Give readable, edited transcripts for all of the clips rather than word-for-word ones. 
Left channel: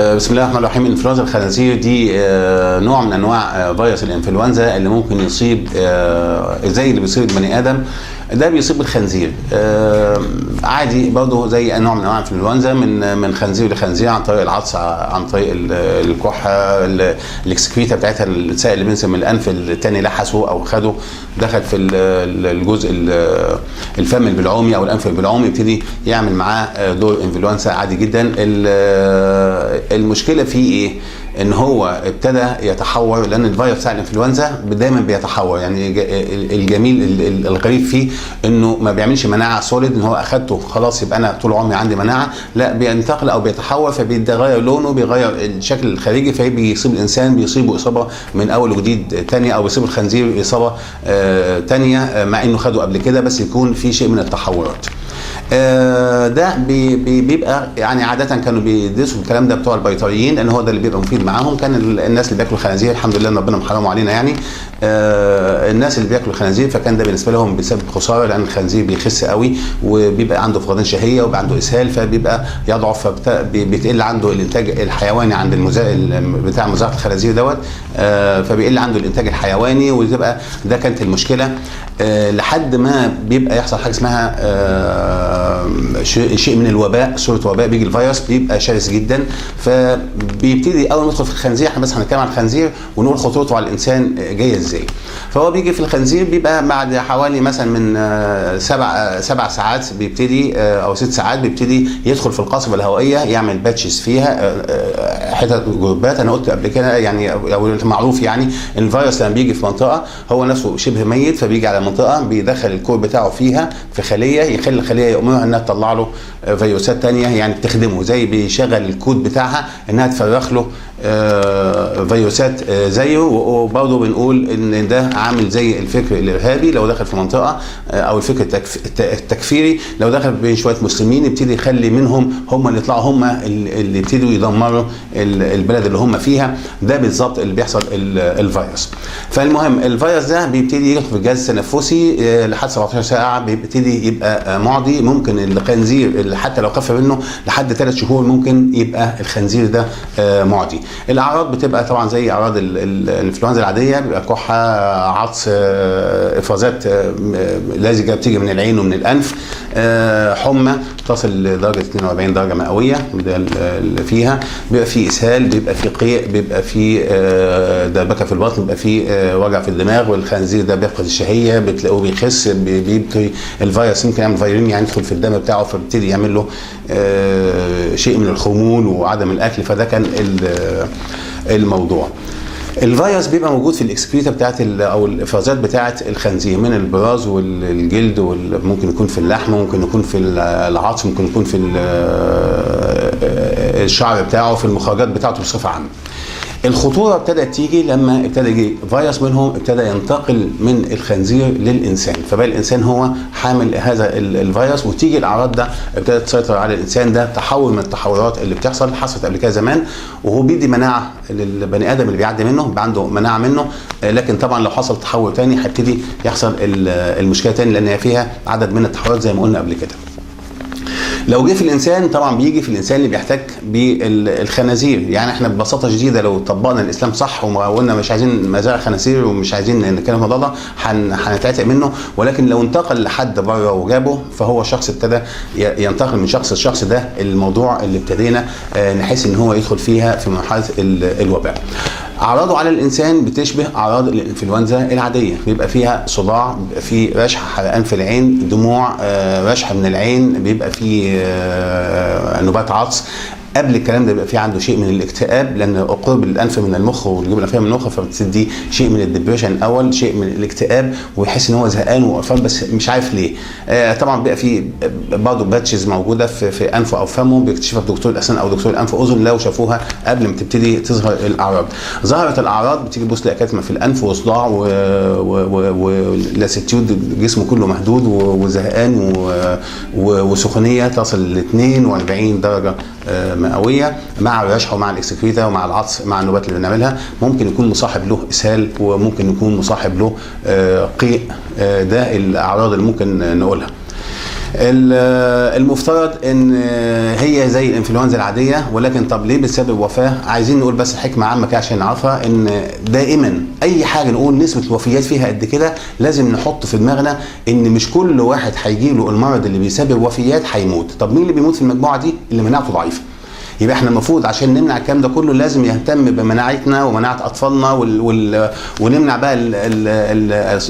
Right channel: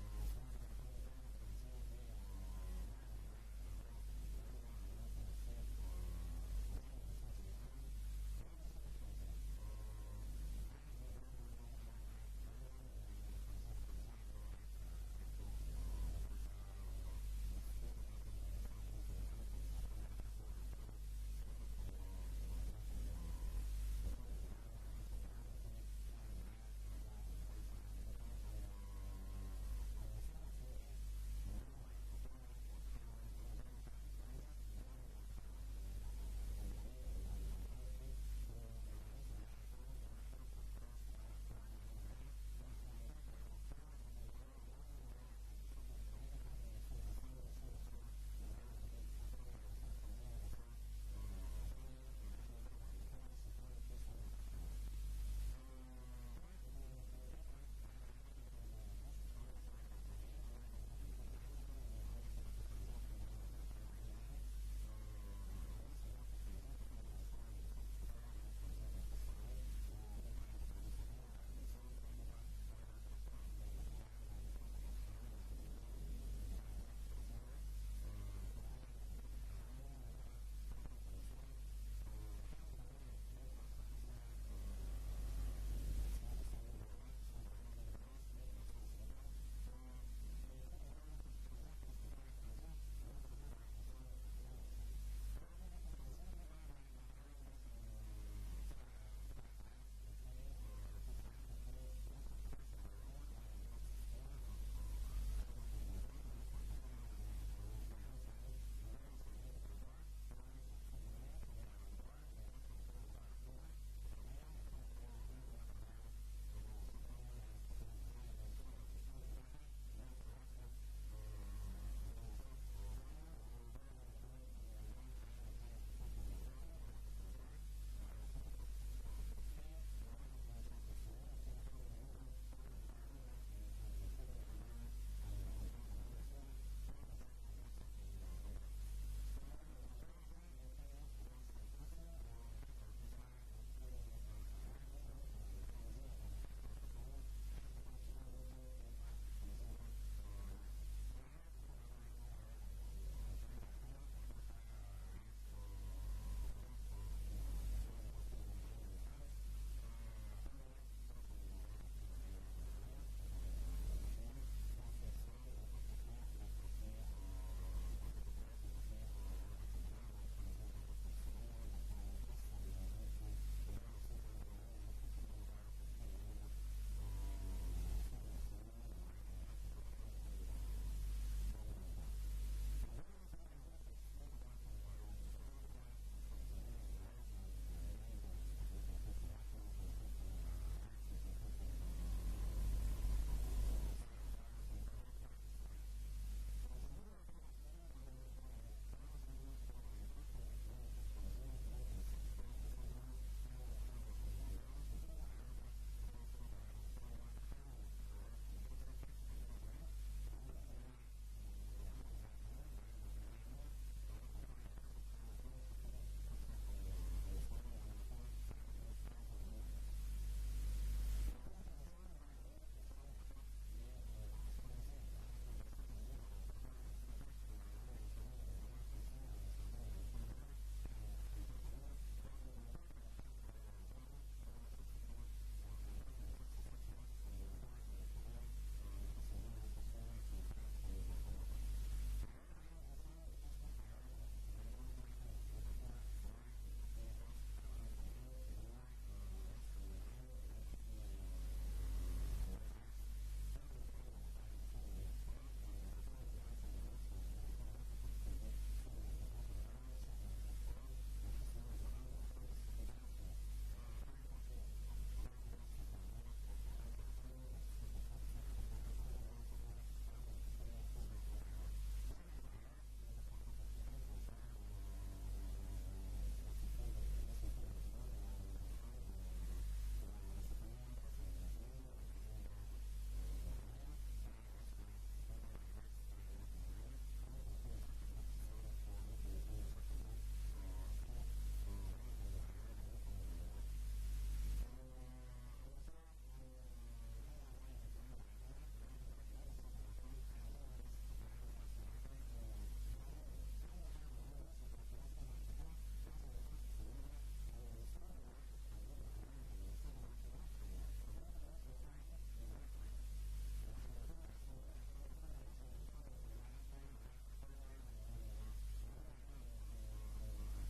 بسم الله الرحمن الرحيم. انفلونزا الخنازير دي نوع من انواع فيروس الانفلونزا اللي ممكن يصيب زي اللي بيصيب البني ادم. ده بيصيب الخنزير عادي برضه زي نوع من انواع الانفلونزا من خنزير لخنزير، عن طريق العطس، عن طريق الكحه، الاكسكريتا بتاعتها، السائل اللي بينزل من الانف الثاني لحسه او خده دخل في الجزء الفم البلعومي او الانف البلعومي، يبتدي يعمل معاه دور انفلونزا عادي جدا. المشكله فيه ايه؟ ان هو ابتدى يتحور، لان الفيروس بتاع الانفلونزا دايما بيتحور. يعني الجميل الغريب فيه انه ما بيعملش مناعه سوليد، ان هو اخدته خلاص يبقى انا طول عمري عندي مناعه، لا بينتقل او بيتحور، فبيتغير لونه، بيغير الشكل الخارجي، فبيصيب الانسان، بيصيبه اصابه من اول وجديد ثانيه، او بيصيب الخنزير اصابه ثانيه مع انه خده قبل كده، بس يكون في شيء من التحورات. ده بيبقى يعني عاده كانوا بيدرسوا الكلام ده بتوع البيطريين، لان هو ده اللي بيبقى مفيد معاهم. كان الناس اللي بياكلوا الخنازير الحمد لله ان ربنا محرمه علينا، يعني الناس اللي بياكلوا الخنازير، فكان ده بالنسبه لهم بيسبب خساره، لان الخنزير بيخس قوي وبيبقى عنده فقدان شهيه وبيبقى عنده اسهال، فبيبقى يضعف، فبيتقل عنده الانتاج الحيواني عند بتاع مزرعه الخنازير دوت، فبيقل عنده الانتاج الحيواني، وتبقى ده كانت المشكله لحد ما بيبقى يحصل حاجه اسمها شيء من الوباء، صوره وباء، بيجي الفيروس بيبقى شرس جدا، فبيبتدي اول ما يدخل في الخنزير، احنا بس هنتكلم عن الخنزير ونقول خطورته على الانسان جايه ازاي. فهو بيجي في الخنزير بيبقى بعد حوالي مثلا من سبع ساعات بيبتدي، او 6 ساعات بيبتدي يدخل في القصبه الهوائيه، يعمل باتشز فيها حتت جروبات. انا قلت قبل كده يعني، او معروف يعني، الفيروس لما بيجي في منطقه هو نفسه شبه ميت، فبيجي على منطقه بيدخل الكور بتاعه فيها في خليه، يخلي الخليه يأمرها انها تطلع له فيروسات ثانيه، يعني بتخدمه، زي بيشغل الكود بتاعها انها تفرخ له فيروسات زيه. وبرضه بنقول ان ده عامل زي الفكر الارهابي لو دخل في منطقه، او الفكر التكفيري لو دخل بين شويه مسلمين، يبتدي يخلي منهم هم اللي يطلعوا، هم اللي يبتدوا يدمروا البلد اللي هم فيها. ده بالظبط اللي بيحصل الفيروس. فالمهم الفيروس ده بيبتدي يدخل في الجهاز التنفسي لحد 17 ساعه، بيبتدي يبقى معدي. ممكن الخنزير حتى لو خف منه لحد 3 شهور ممكن يبقى الخنزير ده معدي. الاعراض بتبقى طبعا زي اعراض الانفلونزا العاديه، بيبقى كحه، عطس، افرازات لزجه بتيجي من العين ومن الانف، حمى تصل لدرجه 42 درجه مئويه، ده اللي فيها. بيبقى في اسهال، بيبقى في قيء، بيبقى في دربكه في البطن، بيبقى في وجع في الدماغ، والخنزير ده بيفقد الشهيه، بتلاقوه بيخس، بيبقى الفيروس يمكن يعمل فيروس، يعني يدخل في الدم بتاعه، فبيبتدي يعمل له شيء من الخمول وعدم الاكل. فده كان الموضوع. الفيروس بيبقى موجود في الاكسكريتا بتاعت او الافرازات بتاعت الخنزير، من البراز والجلد، وممكن يكون في اللحم، ممكن يكون في العظم، ممكن يكون في الشعر بتاعه، في المخرجات بتاعته بصفه عامه. الخطوره ابتدت تيجي لما ابتدى يجي فيروس منهم، ابتدى ينتقل من الخنزير للانسان، فبقى الانسان هو حامل هذا الفيروس، وتيجي الاعراض ده ابتدت تسيطر على الانسان. ده تحول من التحورات اللي حصلت قبل كده زمان، وهو بيدي مناعه للبني ادم اللي بيعدي منه، بيبقى عنده مناعه منه، لكن طبعا لو حصل تحول ثاني هيبتدي يحصل المشكله ثاني، لان هي فيها عدد من التحورات زي ما قلنا قبل كده. لو جه في الانسان، طبعا بيجي في الانسان اللي بيحتك بالخنازير. يعني احنا ببساطه شديده لو طبقنا الاسلام صح وقلنا مش عايزين مزارع خنازير ومش عايزين نتكلم في الموضوع ده، هنتعتق منه. ولكن لو انتقل لحد بره وجابه، فهو شخص ابتدى ينتقل من شخص لشخص. ده الموضوع اللي ابتدينا نحس ان هو يدخل فيها في مرحله الوباء. اعراضه على الانسان بتشبه اعراض الانفلونزا العاديه، بيبقى فيها صداع، بيبقى فيه رشح، حرقان في العين، دموع، رشح من العين، بيبقى فيه نوبات عطس. قبل الكلام ده بيبقى في عنده شيء من الاكتئاب، لان قرب الانف من المخ والجيوب الانفيه من المخ، فبتدي شيء من الدبريشن الاول، شيء من الاكتئاب، ويحس ان هو زهقان وقرفان بس مش عارف ليه. طبعا بيبقى في برضه باتشز موجوده في انفه او فمه، بيكتشفها دكتور الاسنان او دكتور الانف واذن لو شافوها قبل ما تبتدي تظهر الاعراض. ظهرت الاعراض بتيجي تبص تلاقي كتمه في الانف وصداع ولاسيتيود، جسمه كله مهدود وزهقان وسخونيه تصل ل 42 درجه مئويه، مع الرشح ومع الاكسكريتا ومع العطس مع النوبات اللي بنعملها. ممكن يكون مصاحب له اسهال، وممكن يكون مصاحب له قيء. ده الاعراض اللي ممكن نقولها. المفترض ان هي زي الانفلونزا العاديه، ولكن طب ليه بتسبب وفاه؟ عايزين نقول بس حكمه عامه كده عشان نعرفها، ان دائما اي حاجه نقول نسبه الوفيات فيها قد كده لازم نحط في دماغنا ان مش كل واحد هيجي له المرض اللي بيسبب وفيات هيموت. طب مين اللي بيموت في المجموعه دي؟ اللي مناعته ضعيفه. يبقى احنا المفروض عشان نمنع الكلام ده كله لازم يهتم بمناعتنا ومناعه اطفالنا ونمنع بقى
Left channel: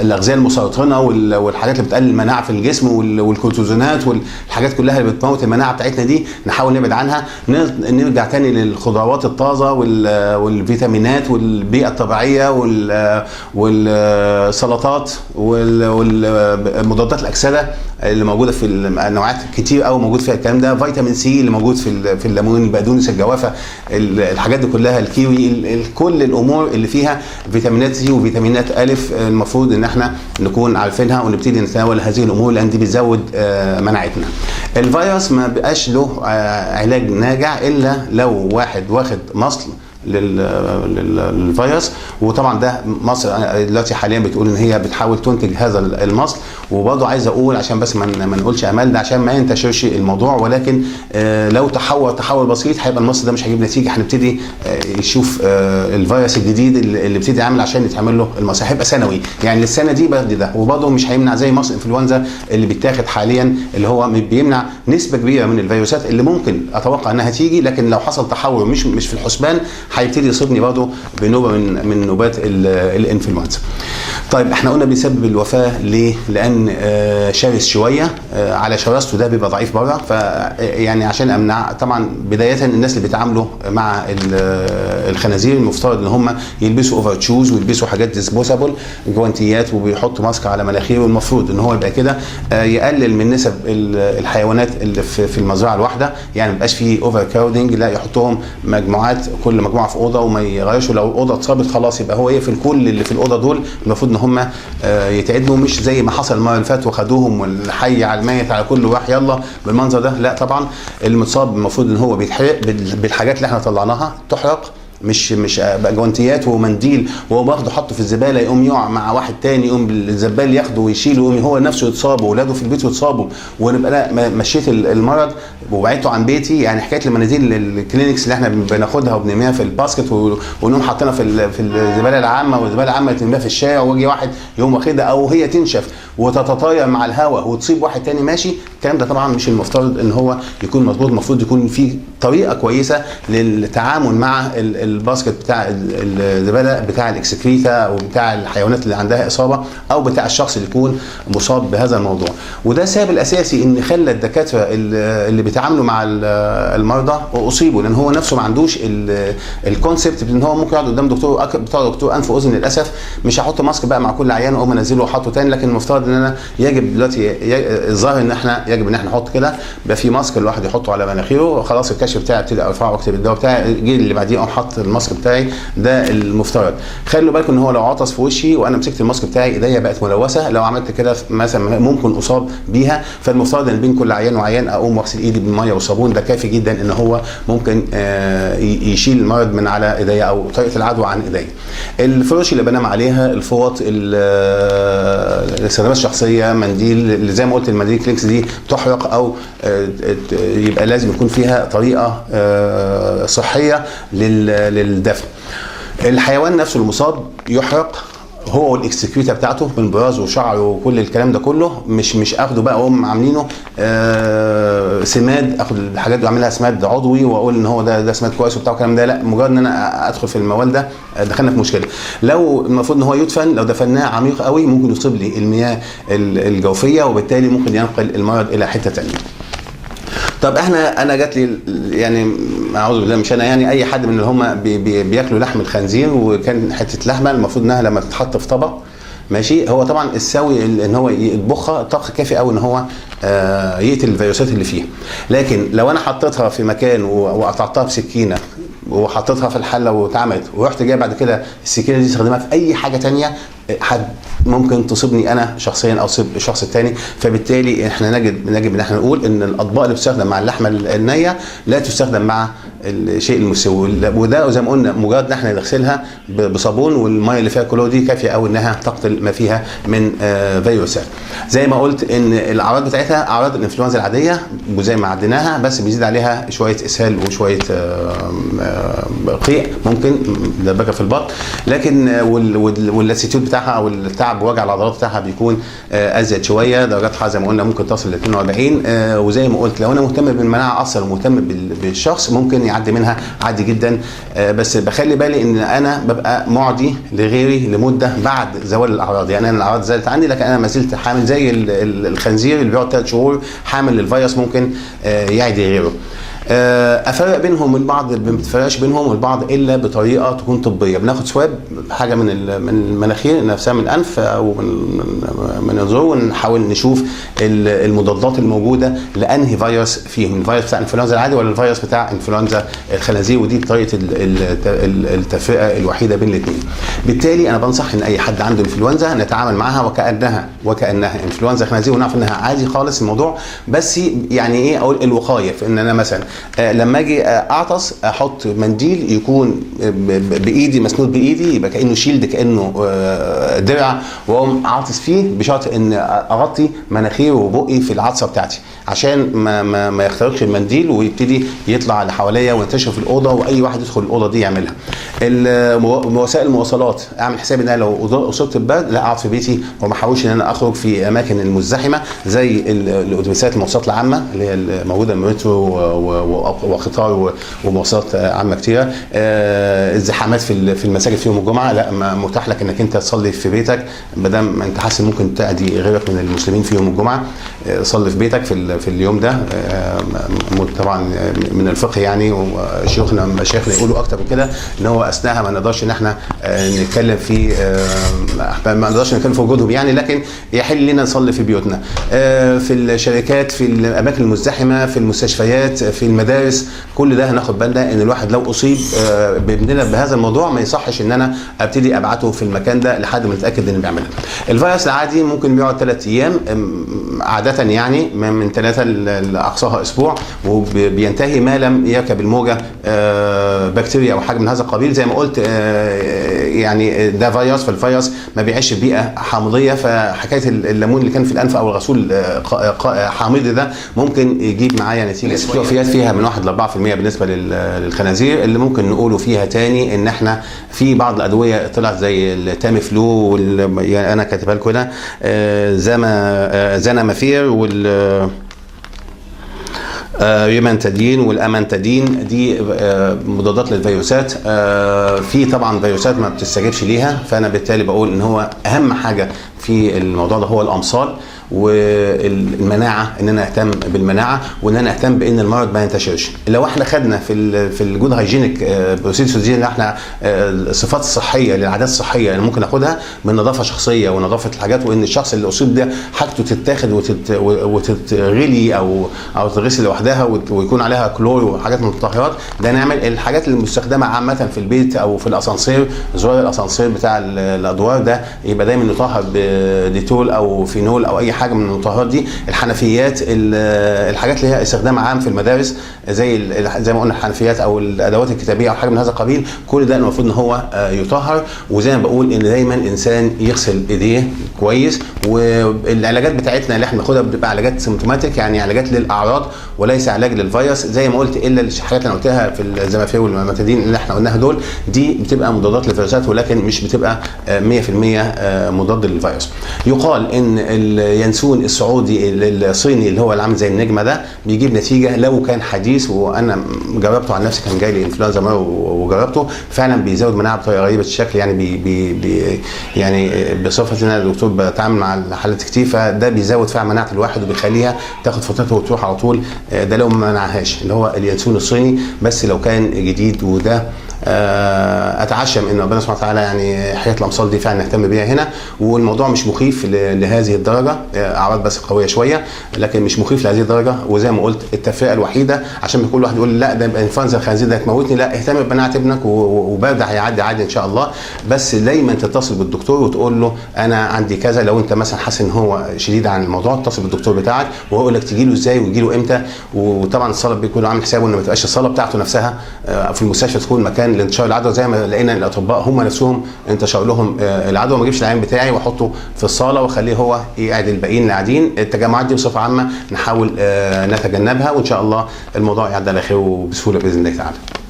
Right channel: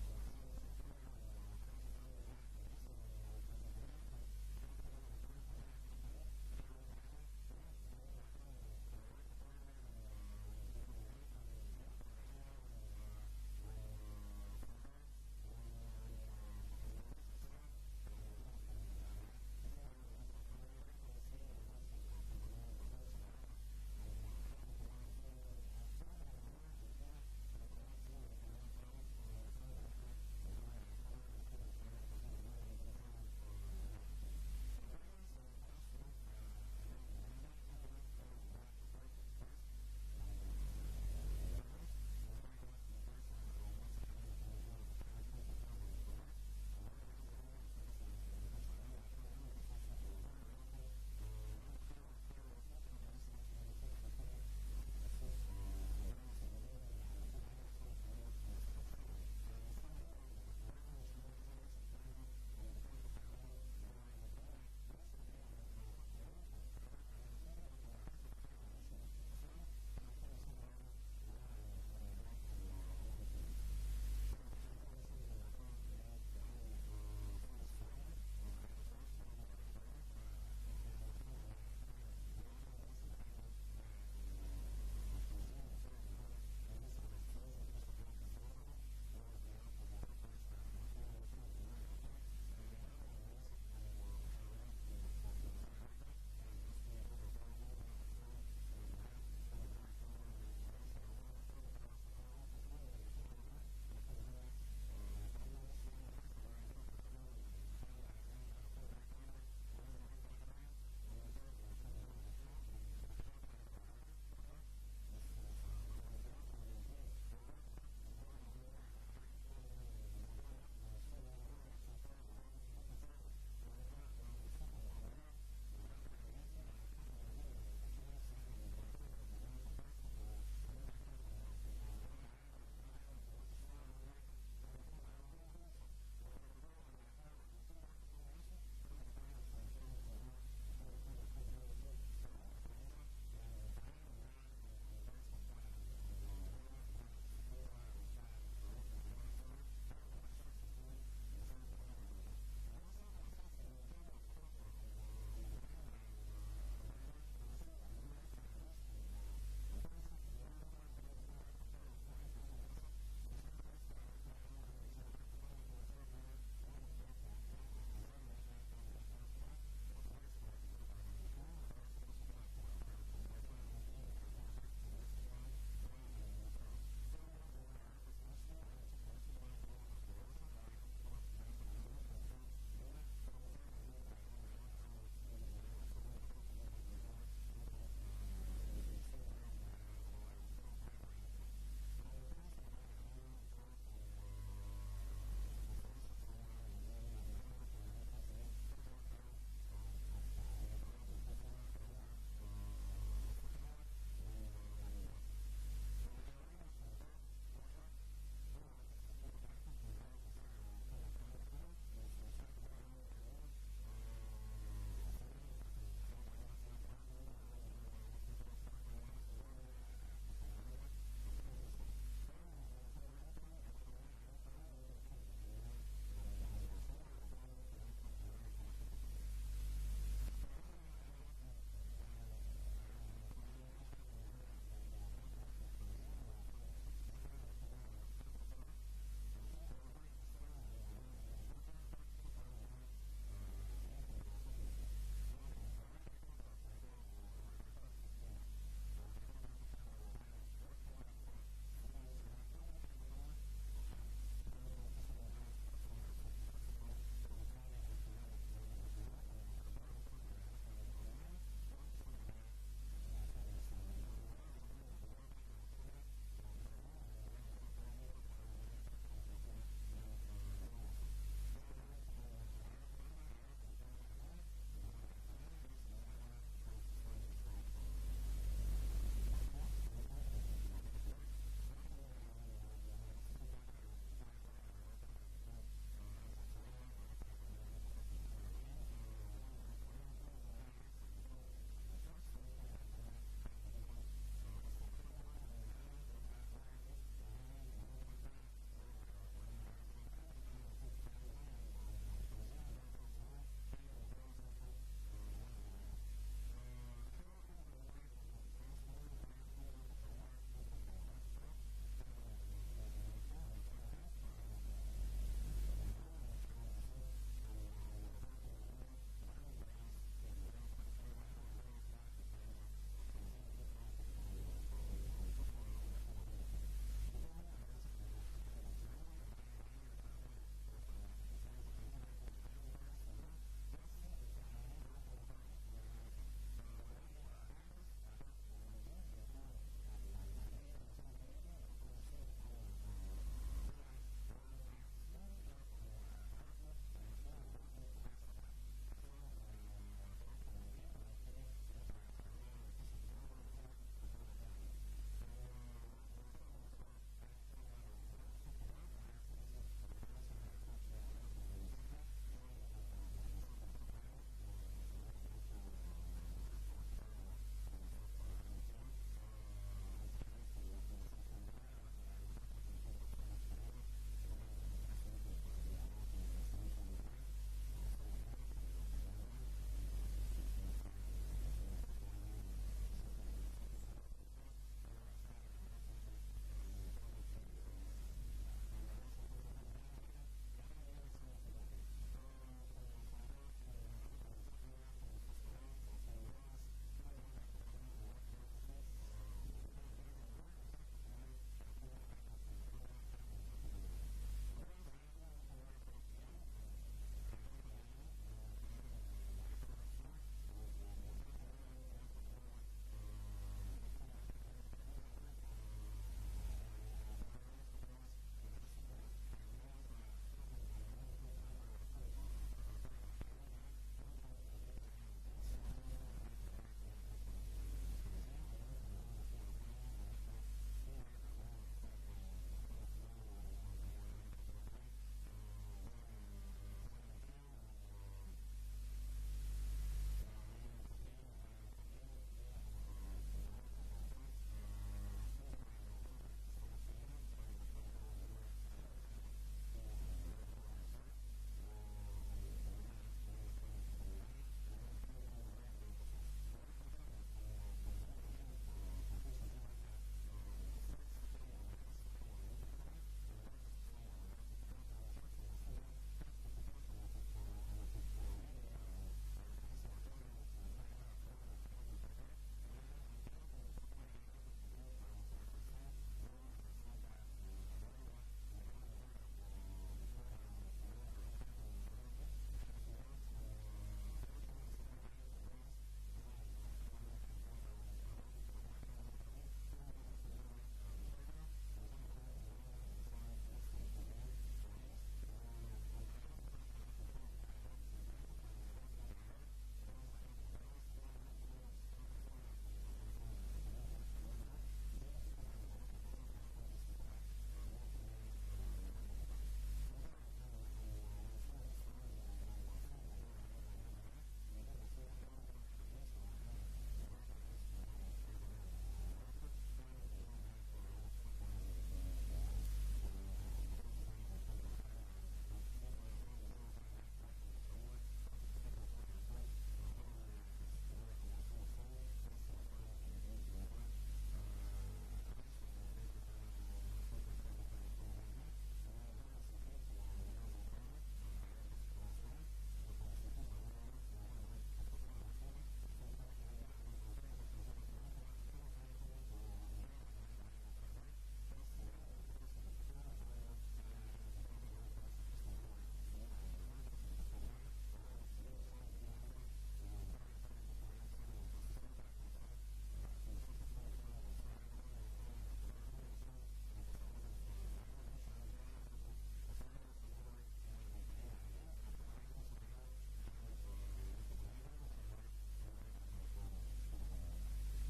الاغذيه المسرطنه والحاجات اللي بتقلل المناعه في الجسم والكورتيزونات والحاجات كلها اللي بتموت المناعه بتاعتنا دي نحاول نبعد عنها. نرجع تاني للخضروات الطازه والفيتامينات والبيئه الطبيعيه والسلطات والمضادات الاكسده اللي موجوده في النوعات كتير قوي موجود فيها الكلام ده. فيتامين سي اللي موجود في الليمون، البقدونس، الجوافه، الحاجات دي كلها، الكيوي، كل الامور اللي فيها فيتامينات سي وفيتامينات الف المفروض ان احنا نكون عارفينها ونبتدي نتناول هذه الامور لان دي بتزود مناعتنا. الفيروس ما بقاش له علاج ناجع الا لو واحد واخد مصل للفيروس، وطبعا ده مصر دلوقتي حاليا بتقول ان هي بتحاول تنتج هذا المصل. وبرضه عايز اقول عشان بس ما نقولش امال ده عشان ما ينتشرش الموضوع، ولكن لو تحول بسيط هيبقى المصل ده مش هيجيب نتيجه. هنبتدي نشوف الفيروس الجديد اللي ابتدي يعمل عشان يتعمل له المصل، هيبقى سنوي يعني للسنه دي بدي ده، وبرضه مش هيمنع زي مصل انفلونزا اللي بيتاخد حاليا اللي هو بيمنع نسبه كبيره من الفيروسات اللي ممكن اتوقع انها تيجي، لكن لو حصل تحول مش في الحسبان هيبتدي يصيبني برضه بنوبه من نوبات الانفلونزا. طيب احنا قلنا بيسبب الوفاه ليه؟ لان شرس شويه، على شراسته ده بيبقى ضعيف بره. فيعني عشان امنع، طبعا بدايه الناس اللي بيتعاملوا مع الخنازير المفترض ان هم يلبسوا اوفر تشوز ويلبسوا حاجات ديسبوسابل، جوانتيات، وبيحطوا ماسك على مناخيره. المفروض ان هو يبقى كده يقلل من نسب الحيوانات اللي في المزرعه الواحده، يعني ما يبقاش فيه اوفر كراودنج، لا يحطهم مجموعات كل مجموعه في اوضه وما يغيرش. لو الاوضه اتصابت خلاص يبقى هو يقفل كل اللي في الاوضه دول، المفروض ان هم يتعدلوا، مش زي ما حصل المره اللي فاتت وخدوهم والحي على الميت على كل واحد يلا بالمنظر ده. لا طبعا المصاب المفروض ان هو بيتحرق بالحاجات اللي احنا طلعناها، تحرق، مش بقى جوانتيات ومنديل وهو باخده حطه في الزباله يقوم يقع مع واحد تاني يقوم الزبال ياخده ويشيله يقوم هو نفسه يتصاب واولاده في البيت يتصابوا، ونبقى لا مشيت المرض وبعدته عن بيتي. يعني حكايه المناديل الكلينكس اللي احنا بناخدها وبنرميها في الباسكت ونقوم حاطينها في الزباله العامه، والزباله العامه ترميها في الشارع ويجي واحد يقوم واخدها او هي تنشف وتتطاير مع الهواء وتصيب واحد تاني ماشي. الكلام ده طبعا مش المفترض ان هو يكون مظبوط. المفروض يكون في طريقه كويسه للتعامل مع الباسكت بتاع الزباله بتاع الاكسكريتا او بتاع الحيوانات اللي عندها اصابه او بتاع الشخص اللي يكون مصاب بهذا الموضوع. وده السبب الاساسي ان خلى الدكاتره اللي بيتعاملوا مع المرضى اصيبوا، لان هو نفسه ما عندوش الكونسبت ان هو ممكن يقعد قدام دكتور انف واذن. للاسف مش هحط ماسك بقى مع كل عيان واقوم انزله واحطه تاني، لكن المفترض ان انا يجب دلوقتي الظاهر ان احنا يجب ان احنا نحط كده، يبقى في ماسك الواحد يحطه على مناخيره، خلاص الكشف بتاعي ابتدي ارفعه واكتب الدواء بتاعي، الجيل اللي بعديه اقوم حاطط الماسك بتاعي. ده المفترض. خلوا بالكم ان هو لو عطس في وشي وانا مسكت الماسك بتاعي ايديا بقت ملوثه، لو عملت كده مثلا ممكن اصاب بيها. فالمفترض ان بين كل عيان وعيان اقوم واغسل ايدي بالميه والصابون، ده كافي جدا ان هو ممكن يشيل المرض من على ايديا او طريقه العدوى عن ايديا. الفرش اللي بنام عليها، الفوط، الاستخدامات الشخصيه، منديل اللي زي ما قلت المنديل كلينكس دي تحرق او يبقى لازم يكون فيها طريقه صحيه للدفن. الحيوان نفسه المصاب يحرق هو والاكسكريتا بتاعته من براز وشعر وكل الكلام ده كله، مش اخده بقى واقوم عاملينه سماد، اخد الحاجات دي واعملها سماد عضوي واقول ان هو ده سماد كويس وبتاع الكلام ده. لا، مجرد ان انا ادخل في الموال ده دخلنا في مشكله. لو المفروض ان هو يدفن، لو دفناه عميق قوي ممكن يصيب لي المياه الجوفيه وبالتالي ممكن ينقل المرض الى حته ثانيه. طب انا جات لي يعني اعوذ بالله مش انا، يعني اي حد من اللي هم بياكلوا لحم الخنزير وكان حته لحمه المفروض انها لما تتحط في طبق ماشي، هو طبعا السوي ان هو يطبخها طبخ كافي قوي ان هو يقتل الفيروسات اللي فيها. لكن لو انا حطيتها في مكان وقطعتها بسكينه وحطيتها في الحله واتعملت ورحت جاي بعد كده السكينه دي استخدمها في اي حاجه ثانيه، حد ممكن تصيبني انا شخصيا او تصيب الشخص الثاني. فبالتالي احنا نجب ان احنا نقول ان الاطباق اللي بتستخدم مع اللحمه النيه لا تستخدم مع الشيء المستوي، وده زي ما قلنا مجرد ان احنا نغسلها بصابون والميه اللي فيها كلور دي كافيه قوي انها تقتل ما فيها من فيروسات. زي ما قلت ان الاعراض بتاعتها اعراض الانفلونزا العاديه وزي ما عديناها، بس بيزيد عليها شويه اسهال وشويه قيء ممكن دبكه في البطن، لكن واللاسيتيود بتاعها او التعب ووجع العضلات بتاعها بيكون ازيد شويه، درجات حراره زي ما قلنا ممكن تصل ل 42. وزي ما قلت لو انا مهتم بالمناعه اصلا ومهتم بالشخص ممكن يعدي منها عادي جدا، بس بخلي بالي ان انا ببقى معدي لغيري لمده بعد زوال الاعراض. يعني انا الاعراض زالت عني لكن انا ما زلت حامل زي الخنزير اللي بيقعد 3 شهور حامل للفيروس ممكن يعدي غيره. افرق بينهم البعض ما بتفرقش بينهم البعض الا بطريقه تكون طبيه. بناخد سواب حاجه من المناخير نفسها من الانف او من الزور ونحاول نشوف المضادات الموجوده لانهي فيروس فيهم، الفيروس بتاع الانفلونزا العادي ولا الفيروس بتاع انفلونزا الخنازير، ودي طريقه التفرقه الوحيده بين الاثنين. بالتالي انا بنصح ان اي حد عنده انفلونزا نتعامل معها وكانها انفلونزا خنازير ونعرف انها عادي خالص الموضوع، بس يعني ايه اقول الوقايه في ان انا مثلا لما اجي اعطس احط منديل يكون بايدي مسنود بايدي يبقى كانه شيلد كانه درع واقوم عاطس فيه، بشرط ان اغطي مناخيري وبقي في العطسه بتاعتي عشان ما يخترقش المنديل ويبتدي يطلع اللي حواليا وينتشر في الاوضه واي واحد يدخل الاوضه دي يعملها. وسائل المواصلات اعمل حسابي ان انا لو اصبت ببرد لا اقعد في بيتي وما احاولش ان انا اخرج في اماكن المزدحمه زي الاتوبيسات المواصلات العامه اللي هي الموجوده المترو وقطار ومواصلات عامه كتيره. الزحامات في المساجد في يوم الجمعه لا متاح لك انك انت تصلي في بيتك ما دام انت حاسس ممكن تأذي غيرك من المسلمين في يوم الجمعه، صلي في بيتك في اليوم ده. طبعا من الفقه يعني وشيوخنا مشايخنا يقولوا اكتر من كده ان هو اثناءها ما نقدرش ان احنا نتكلم في وجودهم يعني، لكن يحل لنا نصلي في بيوتنا. في الشركات في الاماكن المزدحمه في المستشفيات في المدارس كل ده هناخد بالنا ان الواحد لو اصيب بابننا بهذا الموضوع ما يصحش ان انا ابتدي ابعته في المكان ده لحد ما نتاكد انه بيعملها. الفيروس العادي ممكن بيقعد 3 ايام عاده يعني من 3 لاقصاها اسبوع وبينتهي ما لم يركب الموجه بكتيريا او حاجه من هذا القبيل. زي ما قلت يعني ده فيروس، فالفيروس ما بيعيش في بيئه حامضيه، فحكايه الليمون اللي كان في الانف او الغسول حامضي ده ممكن يجيب معايا نتيجه وفيات فيها من 1 ل 4% بالنسبه للخنازير. اللي ممكن نقوله فيها تاني ان احنا في بعض الادويه طلعت زي التامي فلو يعني انا كاتبها لكم هنا زنامافير ريمانتادين والامانتادين، دي مضادات للفيروسات. في طبعا فيروسات ما بتستجيبش ليها، فانا بالتالي بقول ان هو اهم حاجه في الموضوع ده هو الامصال والمناعه، ان انا اهتم بالمناعه وان انا اهتم بان المرض ما ينتشرش. لو احنا خدنا في الجود هايجينيك بروسيدورز دي ان احنا الصفات الصحيه للعادات الصحيه اللي ممكن ناخدها من نظافه شخصيه ونظافه الحاجات، وان الشخص اللي اصيب ده حاجته تتاخد وتتغلي او تتغسل لوحدها ويكون عليها كلور وحاجات من المطهرات، ده نعمل الحاجات المستخدمه عامه في البيت او في الاسانسير، زرار الاسانسير بتاع الادوار ده يبقى دايما يطهر بديتول او فينول او اي حاجه من المطهرات دي. الحنفيات الحاجات اللي هي استخدام عام في المدارس زي ما قلنا الحنفيات او الادوات الكتابيه او حاجه من هذا القبيل، كل ده المفروض ان هو يطهر. وزي ما بقول ان دايما الانسان يغسل ايديه كويس، والعلاجات بتاعتنا اللي احنا بناخدها بتبقى علاجات سيمتوماتيك يعني علاجات للاعراض وليس علاج للفيروس. زي ما قلت الا الحاجات اللي انا قلتها في الزمافير والماماتادين اللي احنا قلناها دول دي بتبقى مضادات للفيروسات ولكن مش بتبقى 100% مضاد للفيروس. يقال ان اليانسون السعودي الصيني اللي هو اللي عامل زي النجمه ده بيجيب نتيجه لو كان حديث، وانا جربته عن نفسي، كان جاي لي انفلونزا مره وجربته فعلا بيزود مناعه بطريقه غريبه الشكل يعني يعني بصفه ان انا دكتور بتعامل مع حالات كتير، فده بيزود فعلا مناعه الواحد وبيخليها تاخد فترتها وتروح على طول. ده لو ما منعهاش اللي هو اليانسون الصيني، بس لو كان جديد وده اتعشم ان ربنا سبحانه وتعالى يعني حياه الامصال دي فعلا نهتم بيها هنا، والموضوع مش مخيف لهذه الدرجه، اعراض بس قويه شويه لكن مش مخيف لهذه الدرجه. وزي ما قلت التفرقه الوحيده عشان كل واحد يقول لا ده انفلونزا الخنازير ده هتموتني، لا اهتم بمناعه ابنك وبرد هيعدي عادي ان شاء الله. بس دايما تتصل بالدكتور وتقول له انا عندي كذا، لو انت مثلا حاسس ان هو شديد عن الموضوع اتصل بالدكتور بتاعك وهو يقول لك تجي له ازاي ويجي له امتى. وطبعا الصاله بيكون عامل حسابه ان ما تبقاش الصاله بتاعته نفسها في المستشفى تكون مكان لانتشار العدوى، زي ما لقينا الاطباء هم نفسهم انتشر لهم العدوى. ما اجيبش العيان بتاعي واحطه في الصاله واخليه هو يقعد الباقيين اللي قاعدين. التجمعات دي بصفه عامه نحاول نتجنبها، وان شاء الله الموضوع يعدي على خير وبسهوله باذن الله تعالى.